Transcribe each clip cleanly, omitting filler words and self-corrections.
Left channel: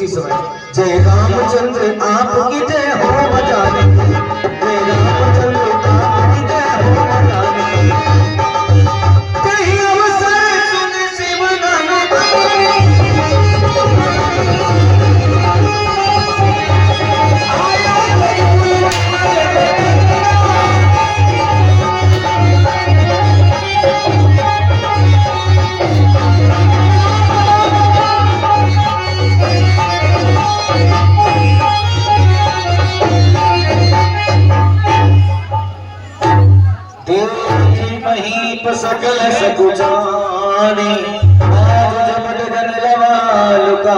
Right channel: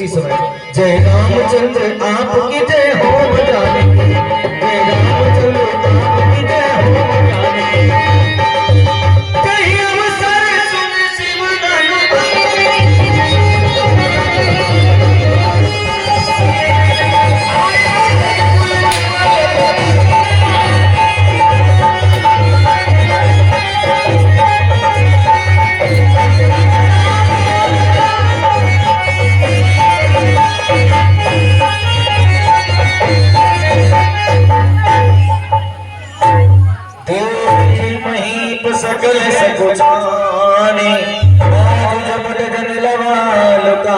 उसी समय जय रामचंद्र आपकी जय हो बजाने की, जय रामचंद्र आपकी जय हो बजाने की। कहीं अवसर सुन शिव नाम सकल सकुचाने आज जबड़ जन लवाल का।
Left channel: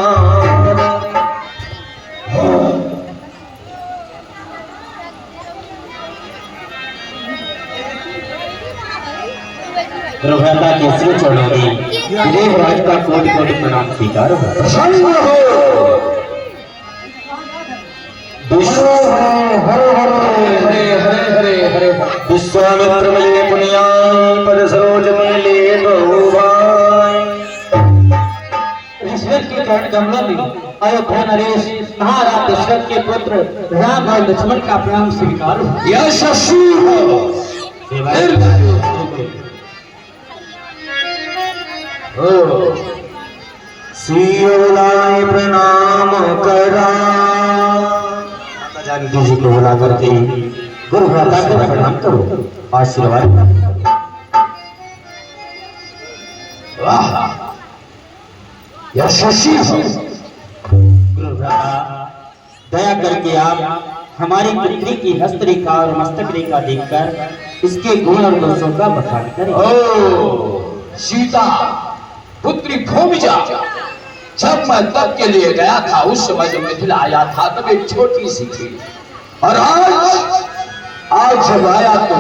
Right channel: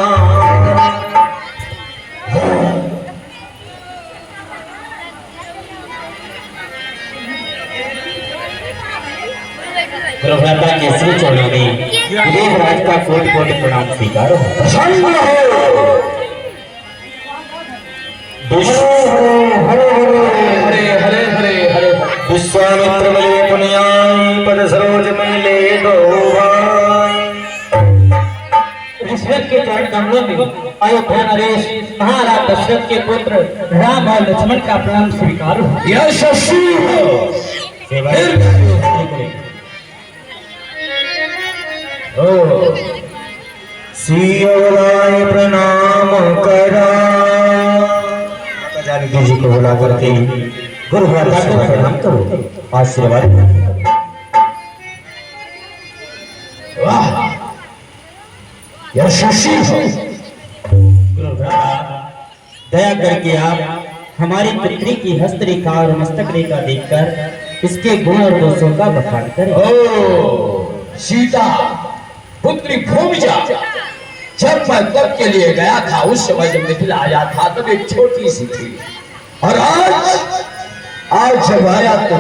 प्रभुता के श्री चरणों में देवराज का कोटि कोटि प्रणाम स्वीकार विश्वामित्र मिले पुण्याई पद सरोज मिले दशरथ के चरण कमलों में अयोध्या नरेश महाराज दशरथ के पुत्र राम और लक्ष्मण का प्रणाम स्वीकार हो। यशस्वी हो सियोलाय प्रणाम करा। जानकी जी को बुला करके गुरु माता को प्रणाम करो, आशीर्वाद। वाह यशस्वी हो। दया करके आप हमारी पुत्री की हस्तरेखा और मस्तक रेखा देखकर इसके गुण और दोषों का बखान करें। ओ सीता पुत्री भूमिजा, जब मैं तब के लिए गया था उस समय जब मिथिला आया था तब एक छोटी सी थी, और आज जब आया तो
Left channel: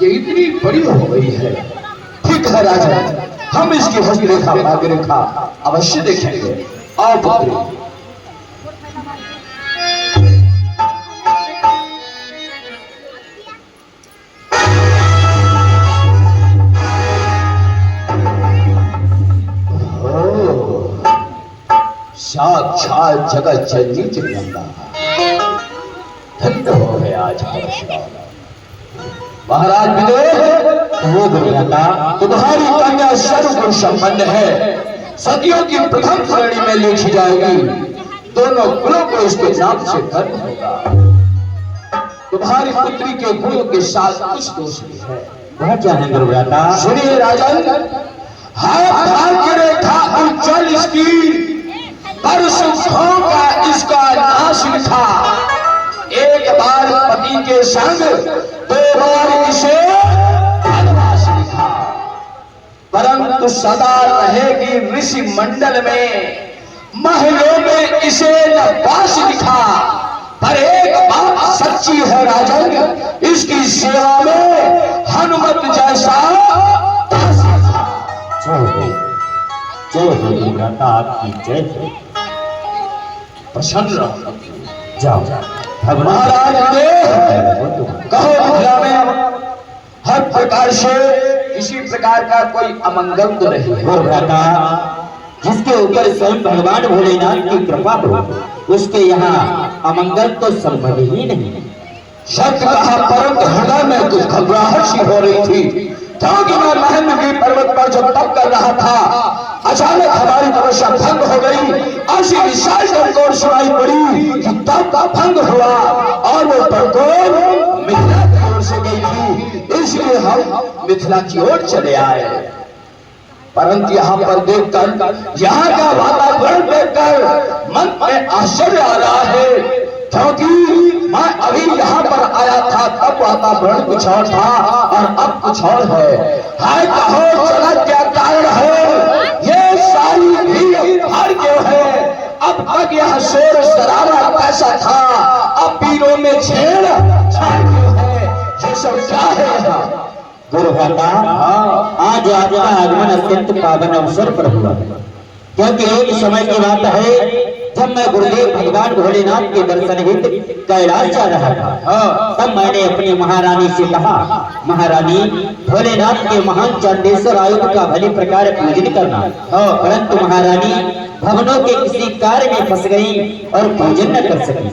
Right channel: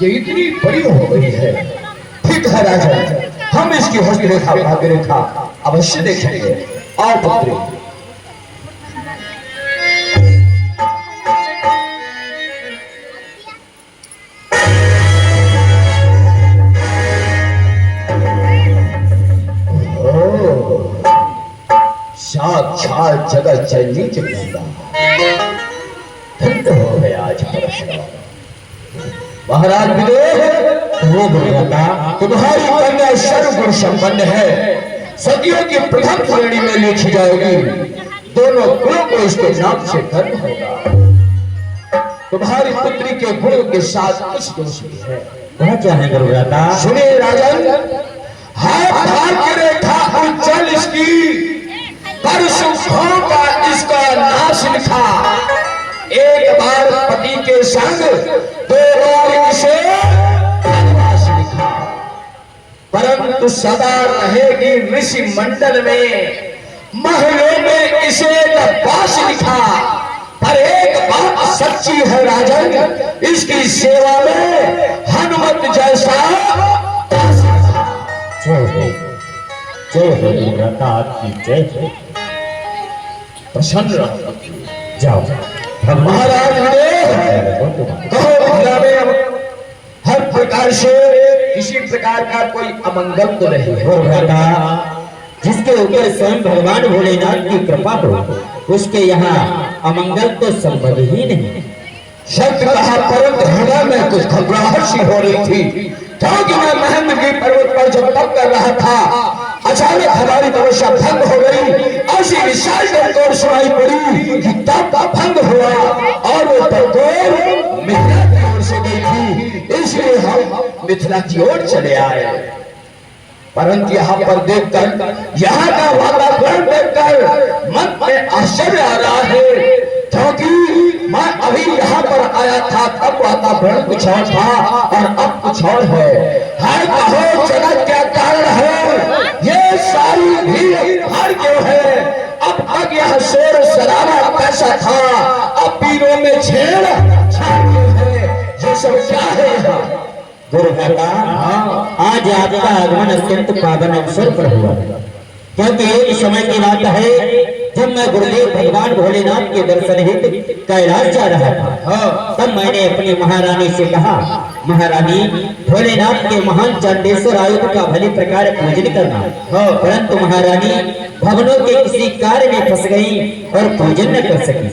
ये इतनी बड़ी हो गई है। ठीक है राजा, हम इसकी हस्तरेखा भाग्यरेखा अवश्य देखेंगे। आओ पुत्री। साक्षात जगत जननी जगदम्बा, धन्य हो गया आज महाराज तुम्हारी कन्या सर्वगुण संपन्न है, सदियों की प्रथम श्रेणी में लिखी जाएगी। दोनों गुणों को इसके नाम से धन्य होगा। तुम्हारी पुत्री के गुणों के साथ कुछ दोष भी है। वह क्या है गुरुव्राता? सुनिए राजन, हाथ भाग्य रेखा उज्जवल इसकी, पर सुखों का इसका नाश लिखा। एक बार पति के संग, दो बार इसे वनवास लिखा। परंतु सदा रहेगी ऋषि मंडल में, महलों में इसे नवास लिखा। पर एक बात सच्ची है राजन, इसकी सेवा में हनुमत जैसा चलो गुरुव्राता आपकी जय हो। प्रसन्न रहो। जाओ महाराज कहो मिथिला में हर प्रकार से किसी प्रकार का कोई अमंगल तो नहीं है। गुरुव्राता जिसके ऊपर स्वयं भगवान भोलेनाथ की कृपा हो उसके यहाँ अमंगल तो संभव ही नहीं। शब्द कहा, परंतु हृदय में कुछ घबराहट सी हो रही थी, क्योंकि मैं महेंद्रगिरी पर्वत पर जब तप कर रहा था अचानक हमारी तपस्या भंग हो गई। ऐसी विशाल टंकोर सुनाई पड़ी कि तप का भंग हुआ और वो टंकोर मिथिला की ओर से गई थी, इसलिए हम मिथिला की ओर चले आए। परंतु यहाँ पर देखकर, यहाँ का वातावरण देखकर मन में आश्चर्य आ रहा है, क्योंकि मैं अभी यहाँ पर आया था तब वातावरण कुछ और था और अब कुछ और है। कहो जगत क्या कारण है, ये सारी भीड़ भाड़ क्यों है? अब तक यह शोर शराबा कैसा था, अब पीरों में छेड़ छाड़ क्यों है? ये सब क्या है यहाँ? गुरुव्राता आज आपका आगमन अत्यंत पावन अवसर पर हुआ, क्योंकि एक समय की बात है जब मैं गुरुदेव भगवान भोलेनाथ के दर्शन हित कैलाश जा रहा था, तब मैंने अपनी महारानी से कहा, महारानी भोलेनाथ के महान चांदेश्वर आयुध का भली प्रकार पूजन करना। परंतु महारानी भवनों के किसी कार्य में फंस गई और पूजन न कर सकी।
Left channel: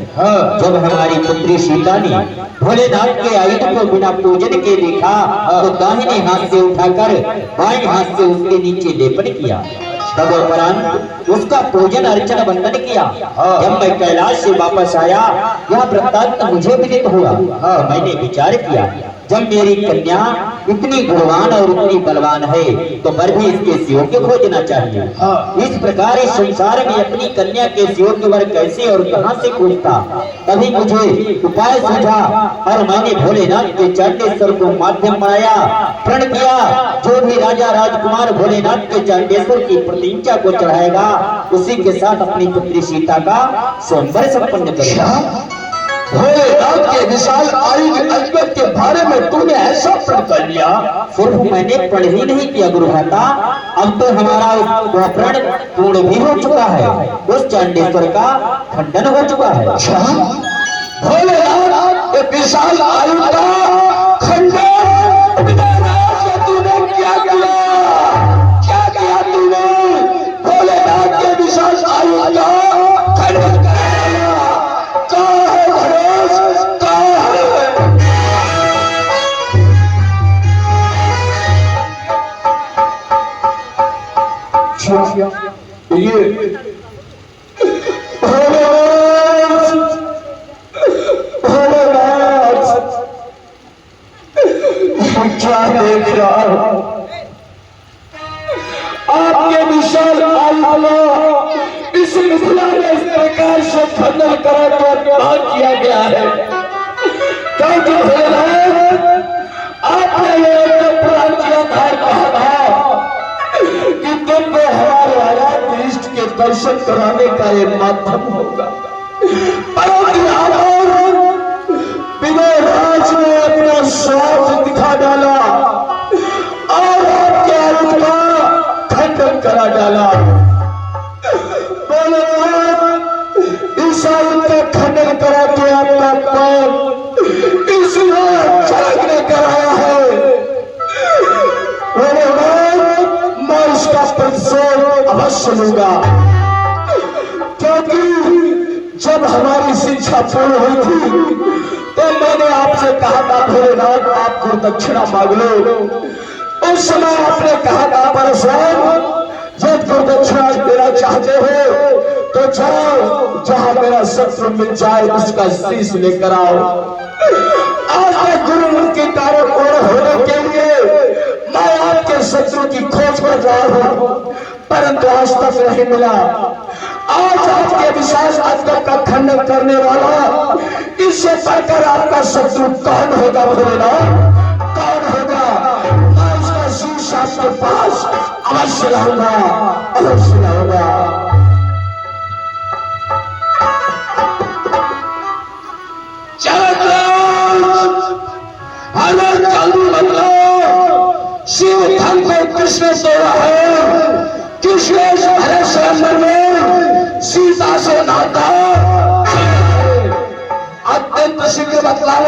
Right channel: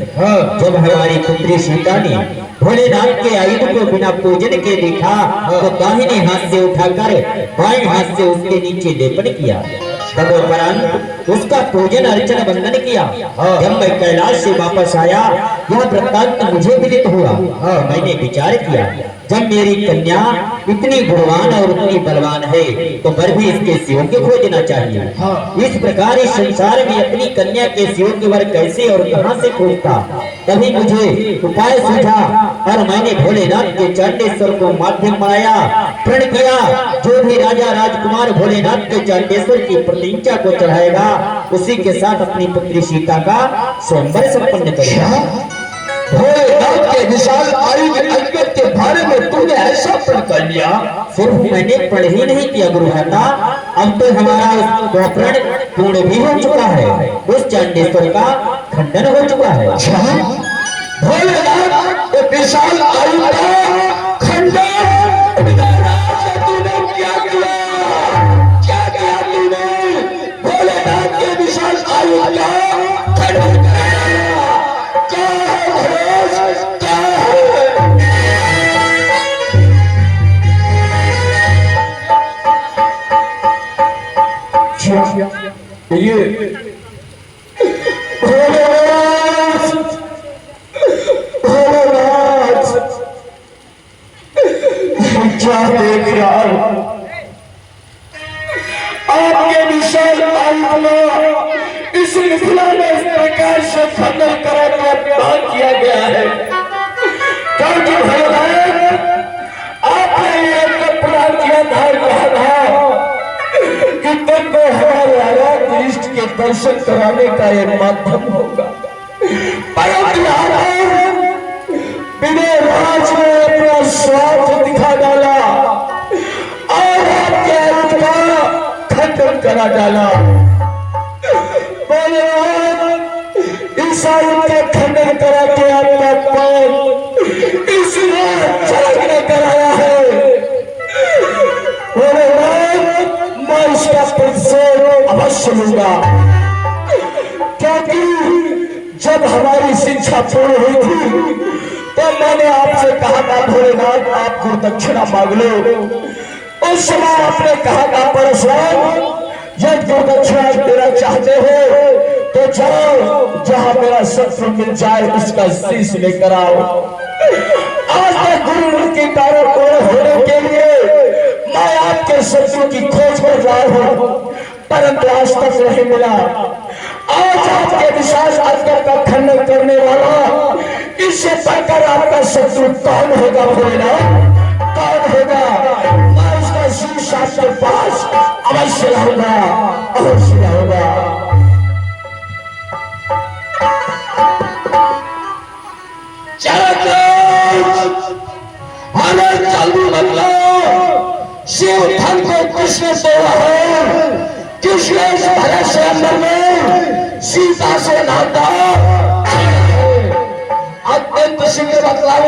जब हमारी पुत्री सीता ने भोलेनाथ के आयुध को बिना पूजन के देखा तो दाहिने हाथ से उठाकर बाएं हाथ से उसके नीचे लेपन किया। तदुपरांत उसका पूजन अर्चन वंदन किया। जब मैं कैलाश से वापस आया, यह वृत्तांत मुझे विदित हुआ। मैंने विचार किया, जब मेरी कन्या इतनी गुणवान और इतनी बलवान है तो पर भी इसके शिव को खोजना चाहिए। इस प्रकार इस संसार में अपनी कन्या के शिव के वर कैसे और कहां से खोजता। तभी मुझे उपाय सूझा और मैंने भोलेनाथ के चांदेश्वर को माध्यम बनाया, प्रण किया, जो भी राजा राजकुमार भोलेनाथ के चांदेश्वर की प्रतिज्ञा को चढ़ाएगा उसी के साथ अपनी पुत्री सीता का स्वयंवर संपन्न करेगा। भोलेनाथ के विशाल आयुध अजगर के बारे में तूने ऐसा प्रण कर लिया? सिर्फ मैंने प्रण ही नहीं किया गुरुमाता, अब तो हमारा वह प्रण पूर्ण भी हो चुका है। उस चांदेश्वर का खंडन हो चुका है। भोलेनाथ के विशाल आयुध का खंडन तूने क्या किया? क्या किया तूने? भोलेनाथ के विशाल आयुध का खंडन कराया। कहाँ है भोलेश? कहाँ है? ये आपके विशाल आयुध इस मिथिला में इस प्रकार से खंडन करा के पार किया गया है, क्योंकि भगवान आपने ये प्राण किया था, कहा था कि तुमको हमारे आराध्य इष्ट के दर्शन कराने का ये माध्यम होगा। परंतु आप बिना राज में अपना स्वार्थ दिखा डाला और आपके आयुध का खंडन करा डाला। इस आयुध का खंडन करा तो आपका पैर इसलिए जागने कराया है। मैं उसका प्रतिशोध अवश्य लूंगा, क्योंकि जब हमारी शिक्षा पूर्ण हुई थी तो मैंने आपसे कहा था भोलेनाथ आप गुरुदक्षिणा मांग लो। उस समय आपने कहा था परशुराम जब गुरुदक्षिणा देना चाहते हो तो जाओ, जहां मेरा शत्रु मिल जाए उसका शीश लेकर आओ। आज तक गुरुमूर्ति कार्य पूर्ण होने के लिए मैं आपके शत्रु की खोज कर रहा हूं, परंतु आज तक नहीं मिला। आज आपके विश्वास अजगर का खंडन करने वाला इससे बढ़कर आपका शत्रु कौन होगा भोलेनाथ? कौन होगा? मैं उसका शीश आपके पास अवश्य लाऊंगा, अवश्य लाऊंगा। हमें चालू बदला शिव धन को किसने तोड़ा है? किसने इस भरे स्वयंवर में सीता से नाता? अत्यंत शीघ्र बदलाव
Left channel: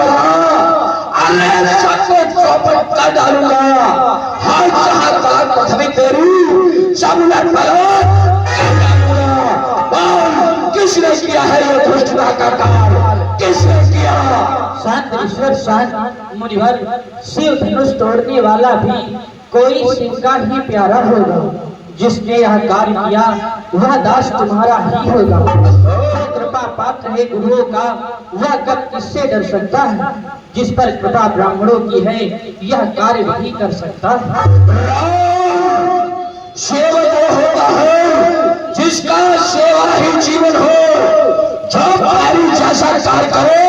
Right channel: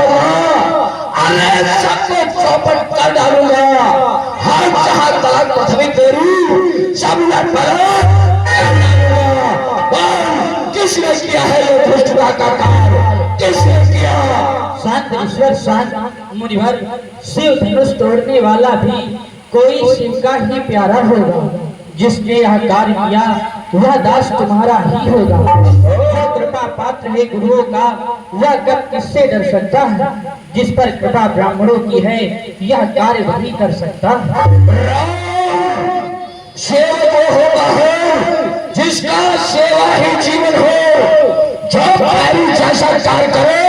अरे सबको चौपट कर डालूंगा। हर जहां तक पृथ्वी तेरी सब किसने किया है ये दुष्टता का काम? किसने किया? शांत ईश्वर शांत मुनिवर, शिव धनुष तोड़ने वाला भी कोई शिव का ही प्यारा होगा। जिसने यह कार्य किया वह दास तुम्हारा ही होगा। जो कृपा पात्र है गुरुओं का वह कब किससे डर सकता है? जिस पर कृपा ब्राह्मणों की है यह कार्य वही कर सकता है। सेवक होता है जिसका सेवा ही जीवन हो। जो पानी जैसा कार्य करे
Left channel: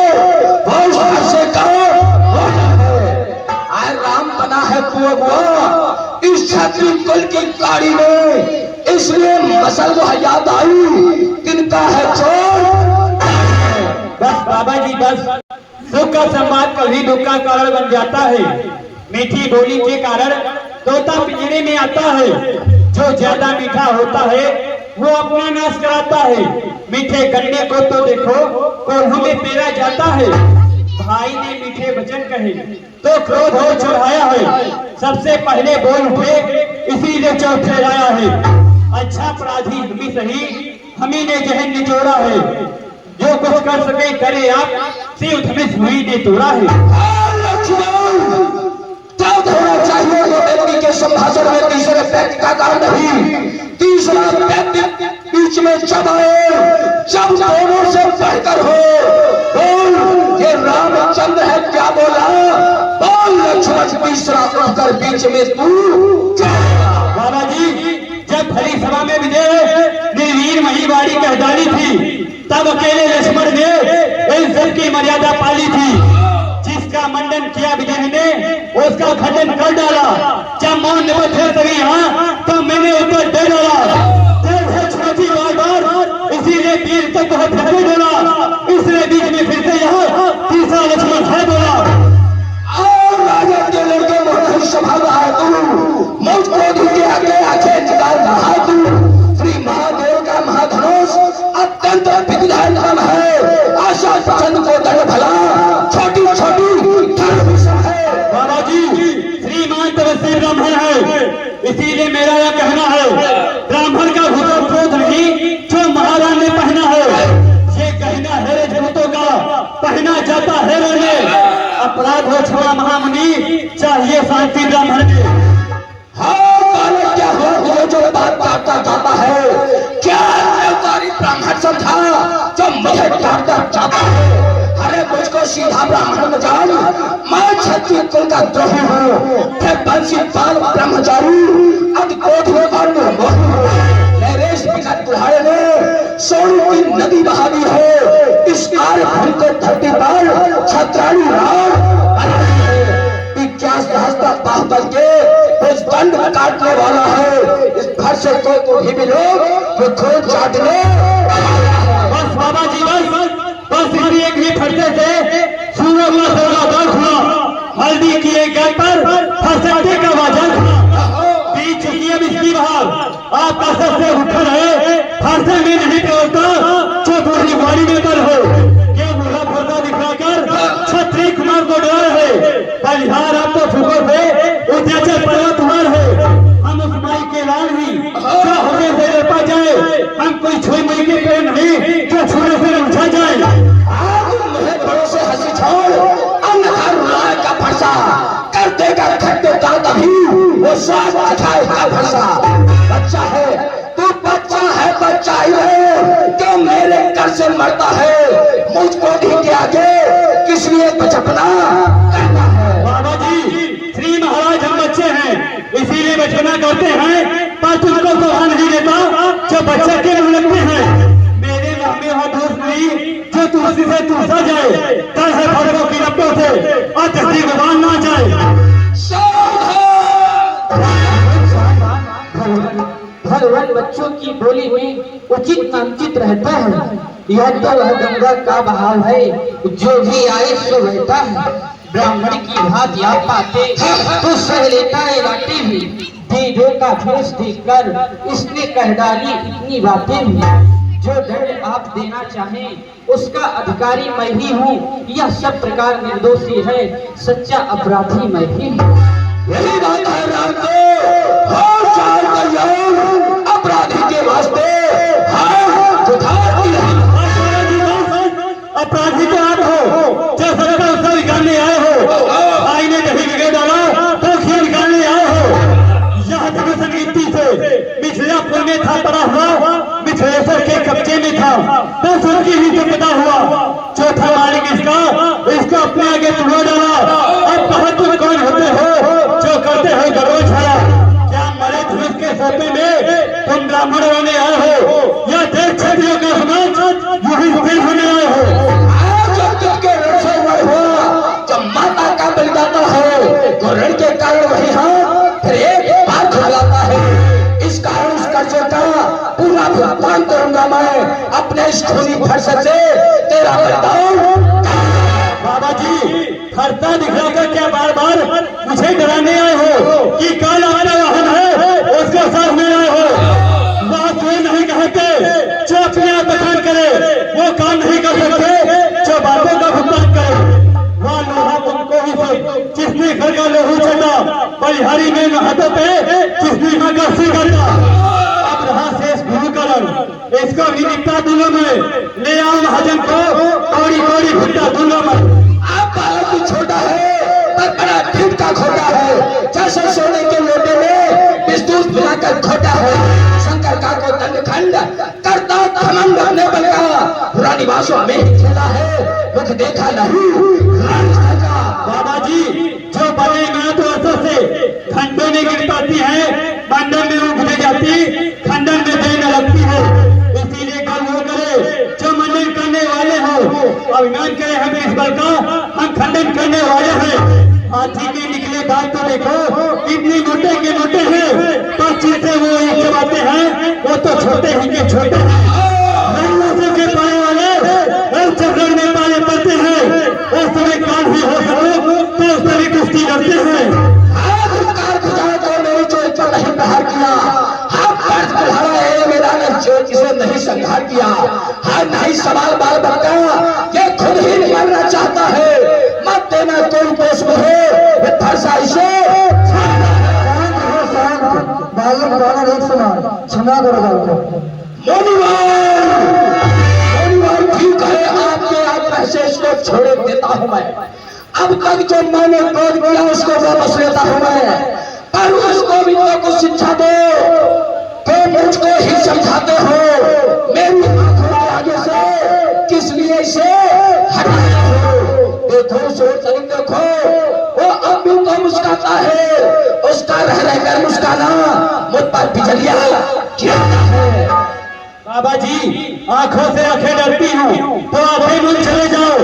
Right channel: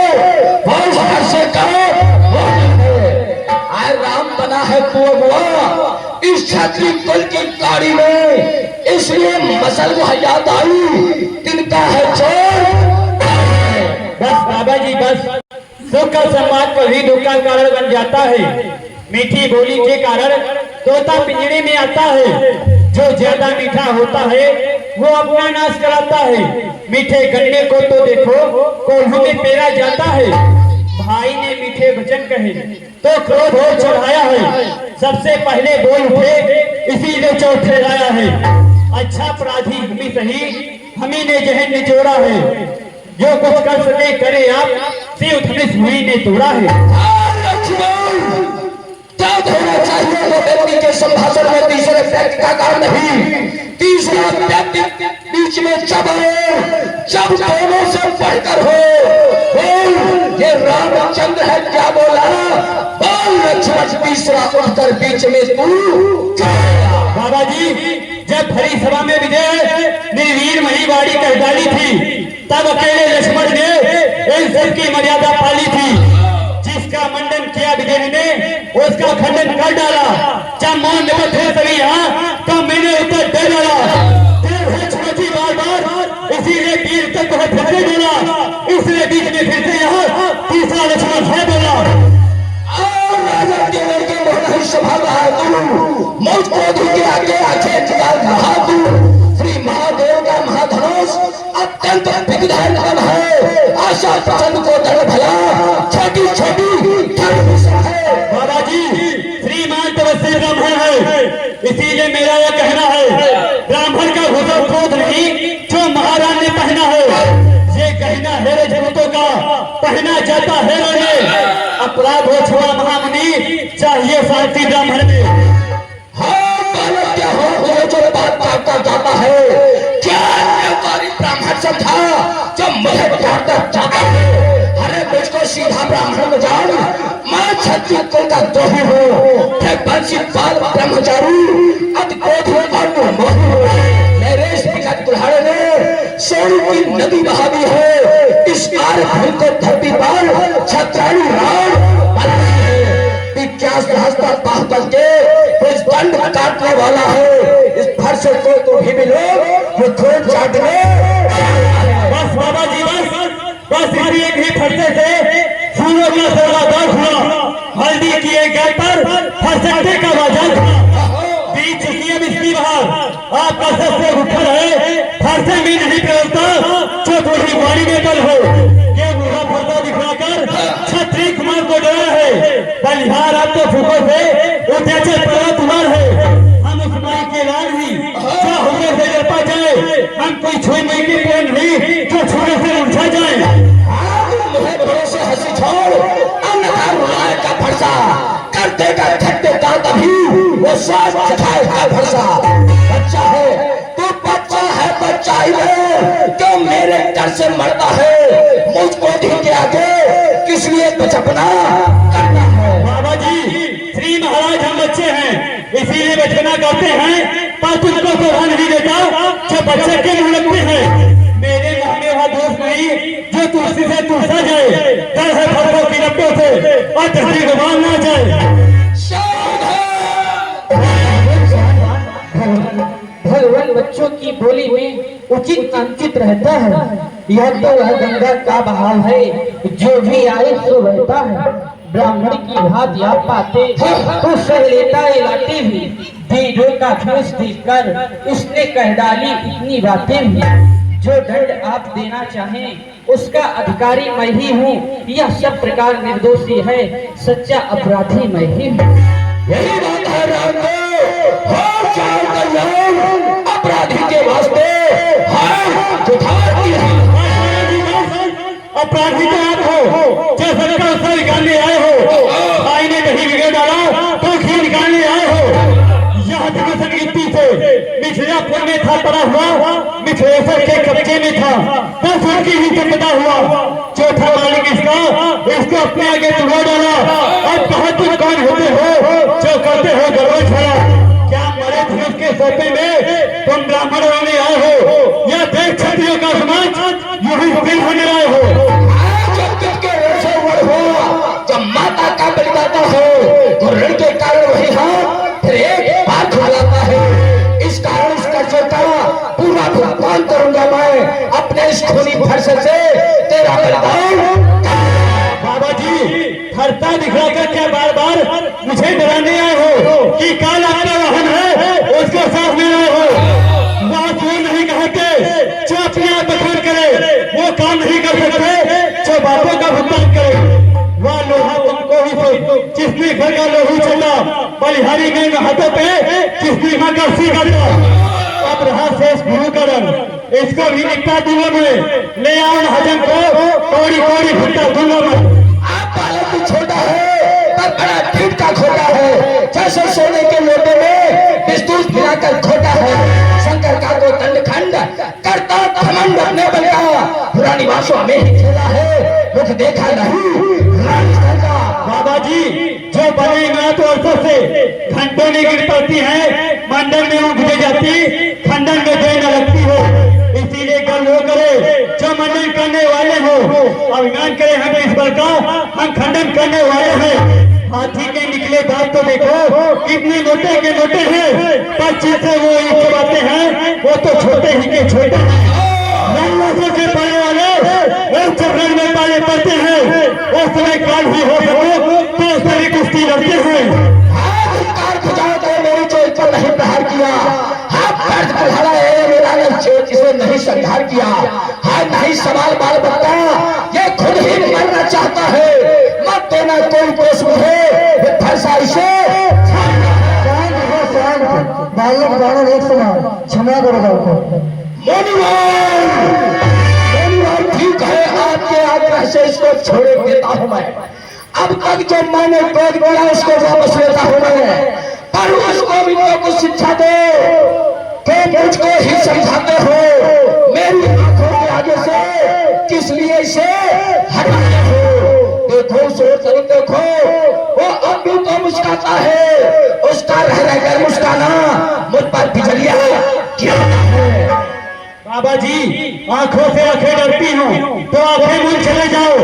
वो उससे राम बना है कुआं इस छत्री कुल की गाड़ी में, इसलिए मसल याद आई तिनका है चोर। बस बाबा जी बस, दुख का संवाद कभी दुख का कारण बन जाता है। मीठी बोली के कारण तोता पिंजरे में आता है। जो ज्यादा मीठा होता है वो अपना नाश कराता है। मीठे गन्ने को तो देखो कोल्हू में पेरा जाता है। भाई ने मीठे वचन कहे तो क्रोध और चढ़ाया है। सबसे पहले बोल उठे इसीलिए चौथे लाया है। अच्छा अपराधी हम ही सही, हम ही ने जहन निचोड़ा है। जो कुछ कर सके करे आप, शिव धनुष हुई ने तोड़ा है। क्या होना चाहिए वो व्यक्ति के संभाषण में तीसरे व्यक्ति का काम नहीं, तीसरा व्यक्ति बीच में जब दोनों से बढ़कर हो। बोल ये रामचंद्र है क्या बोला? बोल लक्ष्मण तीसरा उठकर बीच में तू। बाबा जी जब भरी सभा में विजय निर्वीर महिवाड़ी कह डाली थी, तब अकेले लक्ष्मण ने इन सबकी मर्यादा पाली थी। जिसका मंडन किया विजय ने उसका खंडन कर डाला। जब मौन निबद्ध है सभी यहाँ तो मैंने उत्तर दे डाला। बार इसीलिए वीर तक फिर से बोला, इसलिए बीच में फिर से यहाँ तीसरा लक्ष्मण है बोला। राजा के लड़के नहीं संभाला है तू, मौत क्रोध के आगे आंखें निकाल रहा तू। श्री महादेव का महाधनुष अत्यंत विघ्नहर है। आशा प्रचंड को दंड भला छोटी छोटी है। बाबा जी श्रीमान तपस्वी ब्राह्मण है, इसीलिए मेरा यह कहना है ब्राह्मण का घोड़ा क्रोध नहीं जो महाराज ने पहना है। ये कहना है जगतों का पहना जाता है रे। अपराध हो क्षमा महामुनि, चाहिए शांति ब्राह्मण में। हाँ बालक क्या हो जो बात काटता जाता है? क्या न्यायकारी ब्राह्मण समझा जो मुझे काटता जाता है? अरे मुझको सीधा ब्राह्मण जान, मैं क्षत्रिय कुल का द्रोही हूँ। बंशी बाल ब्रह्मचारी अति क्रोधी और निर्मोही हूँ। नरेश पिता तुम्हारे ने सोनी की नदी बहा दी है। इस कार्य भूमि को धरती पर छत्राणी राम बनाई है। 50 सहस्त्र पाह करके कुछ दंड काटने वाला है। इस फर्श को तो भी लोग जो खून चाटने। बस बाबा जी बस इसी एक ही फर्जे से सूरज में सौदागर हुआ। हल्दी किए गए पर फरसते का बाजार बीच चुकी अब इसकी बाहर। आपका सबसे उठन है फरसे में नहीं पहुंचता जो थोड़ी वाली में दल हो। ये मुझे फोटा दिखाकर छत्री कुमार को डरा है। बलिहार अब तो फुको से उठे चल तुम्हार है। हम उस माई के लाल भी जो होने से डरपा जाए। हम कोई छुए माई के प्रेम नहीं जो छुए से उलझा जाए। कर देगा खट्टे का तभी वो साथ दिखाएगा भरसा। बच्चा है तू बच्चन है बच्चा ही है क्यों मेरे घर से मरता है? मुझको दी के आगे किस लिए बचपना करना है? बाबा जी श्री महाराज हम बच्चे हैं इसीलिए बचपना करते हैं, पर तुमको तो नहीं देता जो बच्चे के नहीं लगते हैं। मेरे मन में हो दोस्त नहीं जो तुलसी से तुलसा जाए। डर है फलों की लपटों से और धरती गवान ना जाए। भगवान बच्चों की बोली में उचित अनुचित रहता है। यह तो वह गंगा का बहाव है जो भी आए सो बहता है। ब्राह्मण की भात या पाते तो सह लेता है बातें भी। दीदों का भेष देखकर इसने कह डाली इतनी बातें भी। जो दंड आप देना चाहें उसका अधिकारी मैं ही हूँ। यह सब प्रकार निर्दोषी है, सच्चा अपराधी मैं ही हूँ। यही बात है अपराधी के वास्ते अपराधी तो आप हो जो सबका उसका निकालने आए हो। भाई ने नहीं बिगड़ डाला तो घी निकालने आए हो। यहाँ तक संगीती से मिथिलापुर में था पड़ा हुआ, मिथिलेश्वर के कब्जे में था बस उनकी भी तो पता हुआ। चौथा मालिक इसको अपने आगे चढ़ा डाला। अब कहा तुम कौन होते हो जो करते हो गर्व छाया? क्या मरे धनुष के सोपे में तुम ब्राह्मण वाले आए हो या देख क्षत्रियों का समाज यही स्थिर होने आए हो? जब माता का बलिदाता हो तो ऋण के कारण वही हो फिर एक बात हो जाता है। इस कारण इस कर्ज का पूरा भुगतान करूंगा मैं अपने इस खूनी फर्श से तेरा बलिदान। बाबा जी फरता दिखाकर क्या बार बार मुझे डराने आए हो कि काल आपका वाहन है उसको साथ में आए हो? बात वो नहीं कहा किसकी मगर करता अब रहा शेष भूकरण, इसको भी निपटा दूंगा मैं। ले आओ महाजन को, कौड़ी कौड़ी भुट्टा दूंगा मैं। आप बालक भी छोटा है पर बड़ा ढीठ का खोटा है, जैसे सोने के लोटे में बिस्तूल पिलाकर खोटा है। शंकर का को दंडखंड करता घमंड अपने बल का, पुरानी बासों में ही खेला है, मुझ देखा नहीं राजस्थान का। बाबा जी जो बड़े मैं तो अरसों से घंटों नहीं गिर पाती है, मंडल में वो घुसे जाती, खंडन में देर न लगती हो। इसीलिए कल वो करे जो मंडन करने वाले हो, अभिमान करे हम इस बल का, हम खंडन करने वाले हैं। हाथी के निकले दांत तो देखो कितने मोटे के मोटे हैं, पक्षी से वो ही चबाते हैं, वो तो छोटे ही के छोटे हैं। रंगों के पाने वाले रंग चक्कर में पाले पड़ते हैं, उस समय काल भी हो सके तो उस समय कुश्ती लड़ते हैं। मेरी चोट पर नहीं प्रहार किया, हाथ पैर बढ़ाया है मेरा ने चोट इसे नहीं संहार किया। हाथ नहीं सवाल बाल बता, ये खुद ही मरना चाहता है, मत देना कोई दोष मुझे, ये फरसा इसे बालक दोनों एक समान क्षमा करो। ठीक है, आपके आग्रह से इसको छोड़ देता हूँ मैं। अब तक जो मैंने क्रोध किया उसको वापस लेता हूँ मैं, पर उसको भी तो कुछ शिक्षा दो कि मुझको ही समझाते हो। मेरी आंखों के आगे से किस लिए इसे हटाते हो? देखो सोच देखो, वो अब भी तो मुस्कुराता है, उसका रहने का मुस्काना मुझ पर बिजलियां क्या है। बाबा जी आंखों से आंखें डरती हूँ तो आप ही मुझ चले जाओ।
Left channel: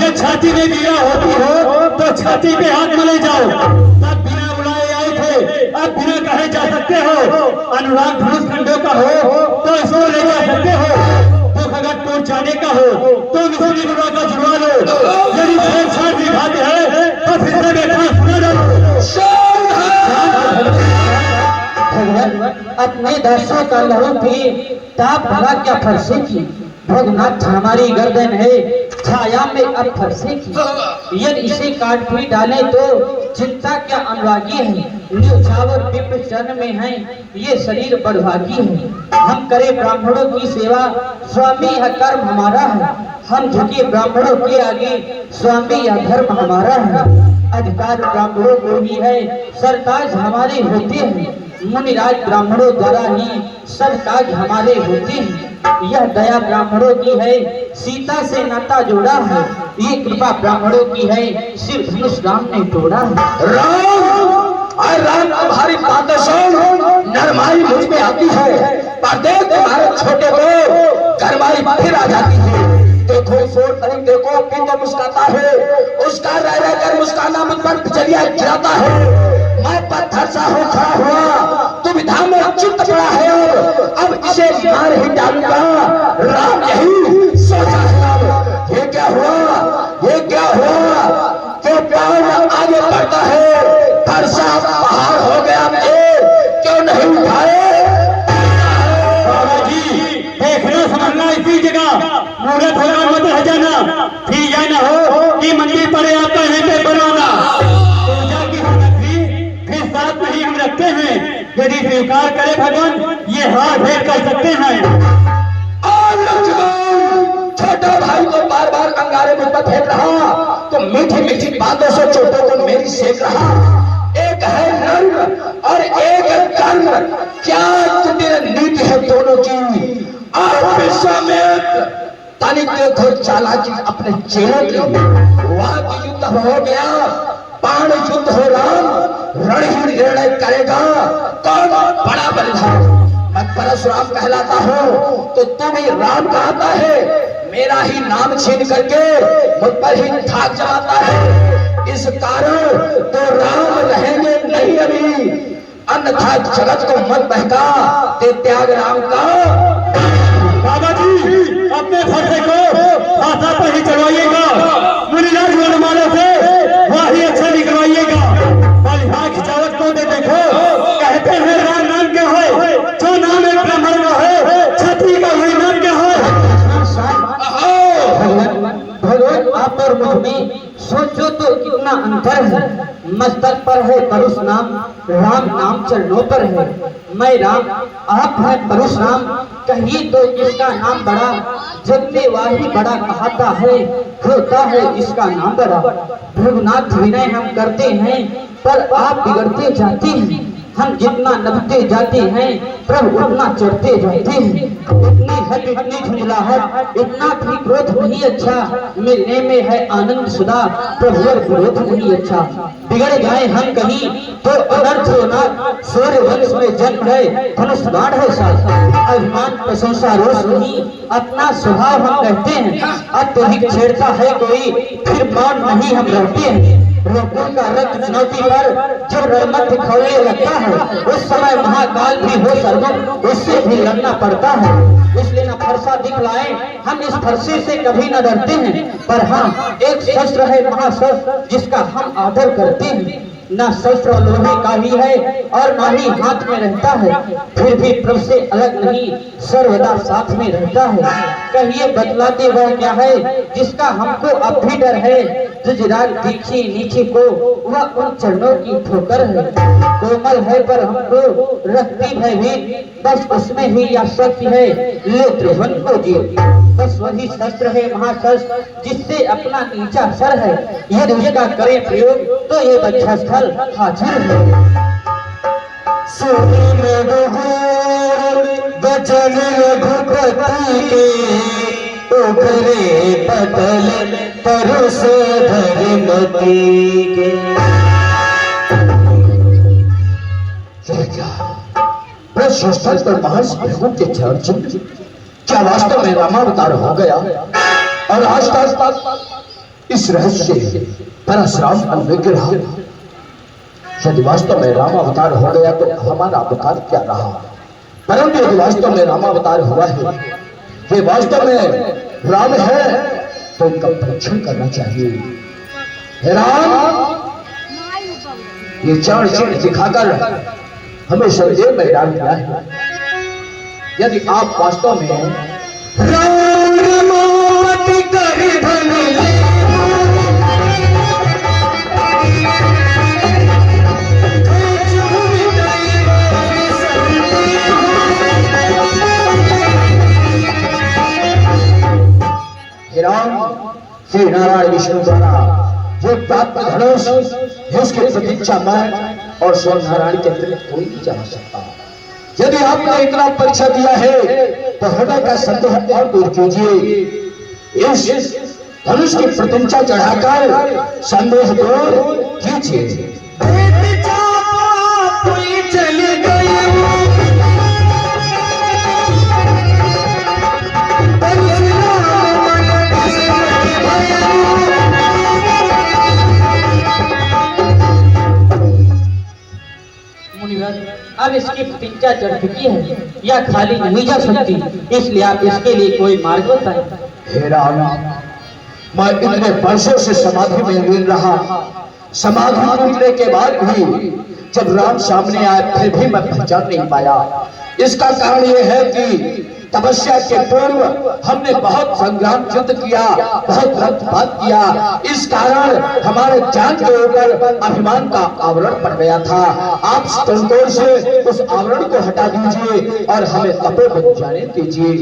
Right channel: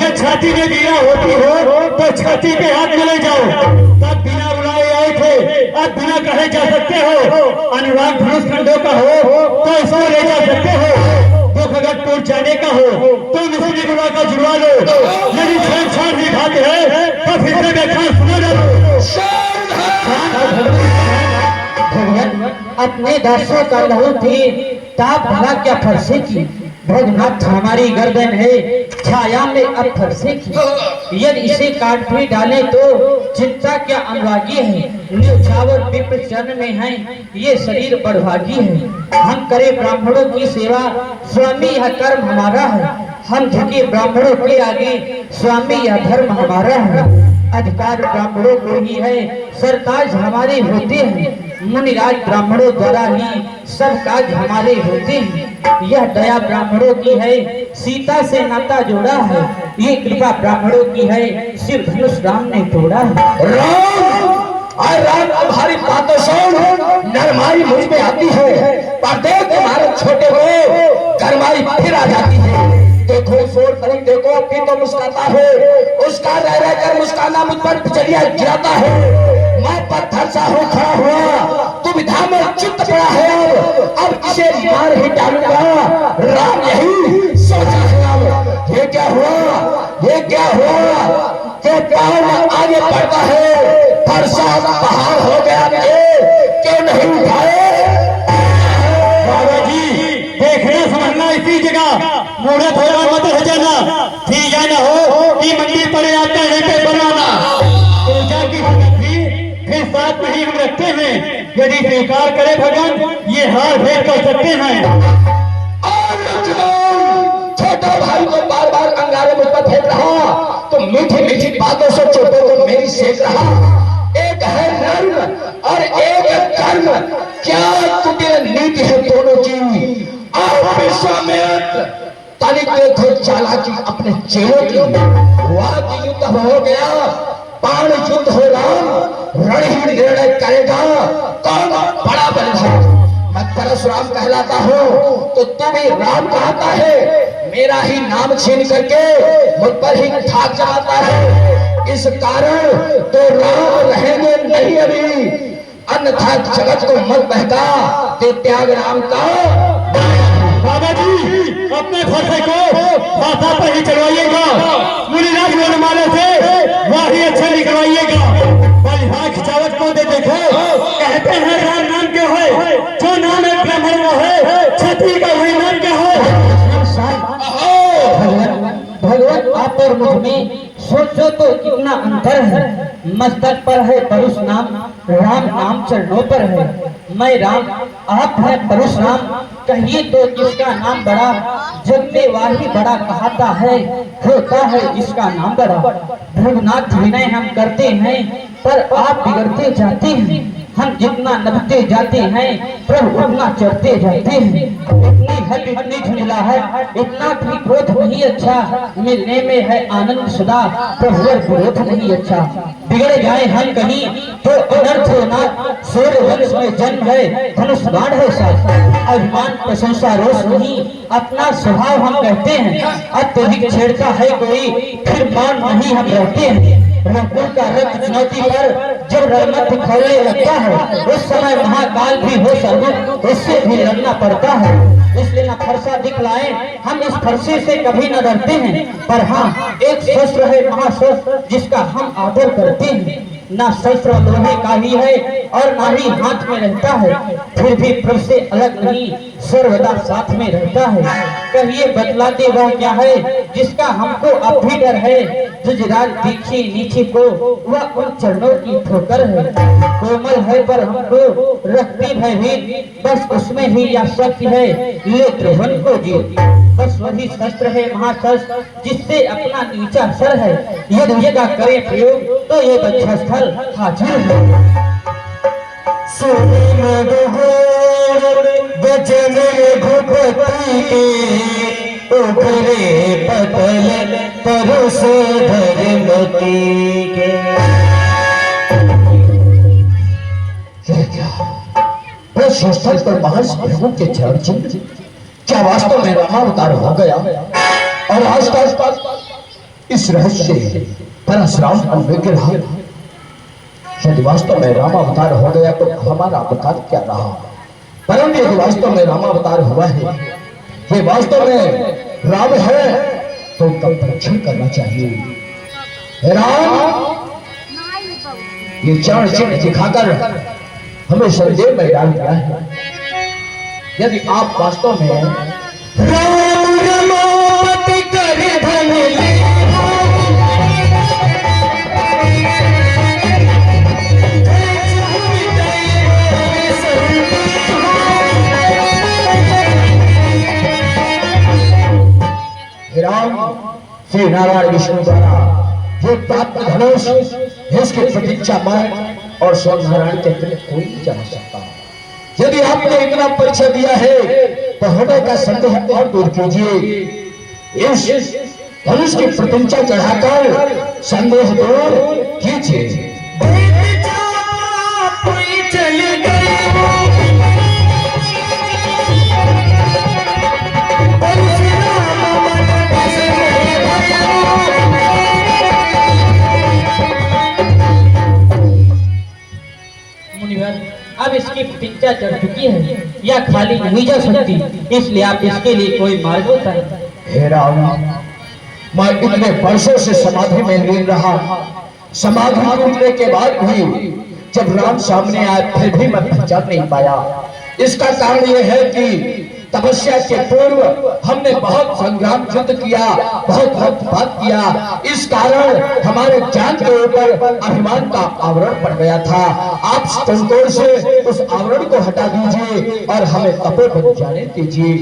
ये छाती में दिया होती हो तो छाती पे हाथ मिले जाओ। तब बिना बुलाए आए थे, अब बिना कहे जा सकते हो। अनुराग धनुष खंडों का हो तो इसको ले जा सकते हो, तो खगटपुर जाने का हो तो निशानी बुला का जुड़वा लो। यदि छेड़छाड़ की बात है तो फिर से व्याख्यान सुना जाओ। अपने दर्शों का लहू पी ताप भला क्या फरसे की, भोगनाथ हमारी गर्दन है छाया में अब फरसे की। यदि इसे काट भी डाले तो चिंता क्या अनुरागी है, न्यौछावर विप्र चरण में है, ये शरीर बड़भागी है। हम करे ब्राह्मणों की सेवा, स्वामी यह कर्म हमारा है, हम झुके ब्राह्मणों के आगे, स्वामी यह धर्म हमारा है। अधिकार ब्राह्मणों को ही है, सरकार हमारे होते हैं, मुनिराज ब्राह्मणों द्वारा ही सब काज हमारे होते हैं। यह दया ब्राह्मणों की है, सीता से नाता जोड़ा है, ये कृपा ब्राह्मणों की है, शिव धनुष राम ने तोड़ा है। राम तुम्हारी बातें सुन, नरमाई मुझ में आती है, पर देख तुम्हारे छोटे को गरमाई फिर आ जाती है। देखो सोच नहीं देखो कि तो मुस्कुराता है, उसका रह कर मुस्काना मुझ पर चलिया जाता है। मैं पत्थर सा हूँ खड़ा हुआ, दुविधा में चित्त पड़ा है, अब इसे मार ही डालूंगा। राम यही सोचा है। ये क्या हुआ, ये क्या हुआ कि पाँव आगे बढ़ता है, फरसा पहाड़ हो गया मुझे क्यों नहीं उठाए? बाबा जी देखना समझना इसी जगह मोड़े थोड़ा मत है जाना, ठीक है ना हो कि मंडी पड़े आता है पे बनाना। पूजा की फिर साथ में ही रखते हैं, यदि स्वीकार करे भगवान ये हाथ भेद कर सकते हैं। छोटा भाई को बार बार अंगारे मुझ पर फेंक रहा, तो मीठी मीठी बातों से छोटों को मेरी सेक रहा। एक है नर्म और एक है कर्म, क्या तुम्हें नीति है दोनों की? आप विश्वामित्र ताली देखो चालाकी अपने चेहरे की। वाद युद्ध हो गया, बाण युद्ध हो राम, रण ही निर्णय करेगा कौन बड़ा बलिदान। मैं परशुराम कहलाता हूँ तो तू भी राम कहता है, मेरा ही नाम छीन करके मुझ पर ही ठाक जमाता है। इस कारण तो राम रहेंगे नहीं अभी, अन्यथा जगत को मत बहका दे त्याग राम का। बाबा जी अपने फरसे को भाषा पर ही चढ़वाइएगा, मुनिराज वरमाला से वही अच्छा निकलवाइएगा। बलिहार खिंचावत को दे देखो, कहते हैं राम नाम क्या है, जो नाम है ब्राह्मण वो है, क्षत्रिय का वही नाम क्या है। भगवान आप और मुझ में सोचो तो कितना अंतर है। मस्तक पर है परुष नाम, राम नाम चरणों पर है। मैं राम, आप हैं परशुराम, कहिए तो किसका नाम बड़ा? जग में वाही बड़ा कहता है, होता है जिसका नाम बड़ा। भृगुनाथ विनय हम करते हैं, पर आप बिगड़ते जाते हैं। हम जितना नभते जाते हैं, प्रभु उतना चढ़ते जाते हैं। इतनी हट, इतनी झुंझलाहट, इतना भी क्रोध नहीं अच्छा। मिलने में है आनंद सुधा, प्रभु विरोध नहीं अच्छा। बिगड़ जाए हम कहीं तो अनर्थ होना। सूर्य वंश में जन्म है, धनुष बाण है साथ। अभिमान प्रशंसा रोष नहीं, अपना स्वभाव हम कहते हैं। अत्यधिक छेड़ता है कोई, फिर मौन नहीं हम रहते हैं। रंगों का रंग चुनौती पर जब रणमत दिखाने लगता है, उस समय महाकाल भी हो सर्वम, उससे भी लड़ना पड़ता है। इसलिए न फरसा दिखलाए, हम इस फरसे से कभी न डरते हैं। पर हाँ, एक शस्त्र है महाशस्त्र, जिसका हम आदर करते हैं। न शस्त्र लोहे का ही है और न ही हाथ में रहता है, फिर भी प्रभु से अलग नहीं, सर्वदा साथ में रहता है। कहिए बतलाते वह क्या है, जिसका हमको अब भी डर है? जुजराल दिखे नीचे को, वह उन चरणों की ठोकर है। कोमल है पर हमको रखती भयभीत, बस उसमें ही यह शक्ति है, ले त्रिभुवन को जीत। बस वही शस्त्र है महाशस्त्र, जिससे अपना नीचा सर है। यदि उसका करे प्रयोग तो ये बच्छस्थल हाजिर है। वचन रघुपति के, उभरे पतल तरस धर्मति के। स्थल पर महर्षि भृगु के चरण चिन्ह, क्या वास्तव में रामावतार हो गया? और आज तक इस रहस्य परशुराम का विग्रह, यदि वास्तव में रामावतार हो गया तो हमारा अवतार क्या रहा? परंतु यदि वास्तव में रामावतार हुआ है, ये वास्तव में राम है, तो उनका परीक्षण करना चाहिए। हे राम, ये चरण चिन्ह दिखाकर हमें संदेह में डाल दिया है। यदि आप वास्तव में श्री नारायण विष्णु द्वारा जो प्राप्त धनुष, इसकी प्रतीक्षा मैं और स्वयं नारायण के अतिरिक्त कोई नहीं जान सकता। यदि आपने इतना परीक्षा दिया है तो हृदय का संदेह और दूर कीजिए। इस धनुष की प्रतीक्षा चढ़ाकर संदेह दूर कीजिए। अब इसकी प्रतीक्षा चढ़ चुकी है, यह खाली नहीं जा सकती, इसलिए आप इसके लिए कोई मार्ग बताएं। हे राम, मैं इतने वर्षों से समाधि में लीन रहा, समाधि टूटने के बाद भी जब राम सामने आए फिर भी मैं पहचान नहीं पाया। इसका कारण यह है कि तपस्या के पूर्व हमने बहुत संग्राम युद्ध किया, बहुत रक्तपात किया। इस कारण हमारे जान के ऊपर अभिमान का आवरण पड़ गया था। आप संतोष से उस आवरण को हटा दीजिए और हमें अपने बन जाने दीजिए।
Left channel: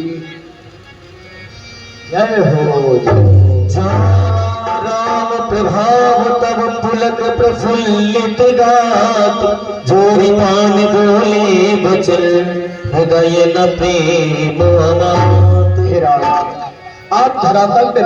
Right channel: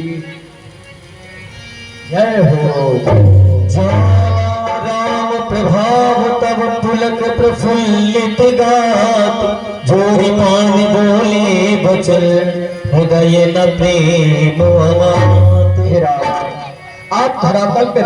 जय हो राम प्रभाव तब पुलक प्रफुल्लित गात, जोरी मान बोले बचन हृदय न प्रेम अनाथ। आप धरातल पे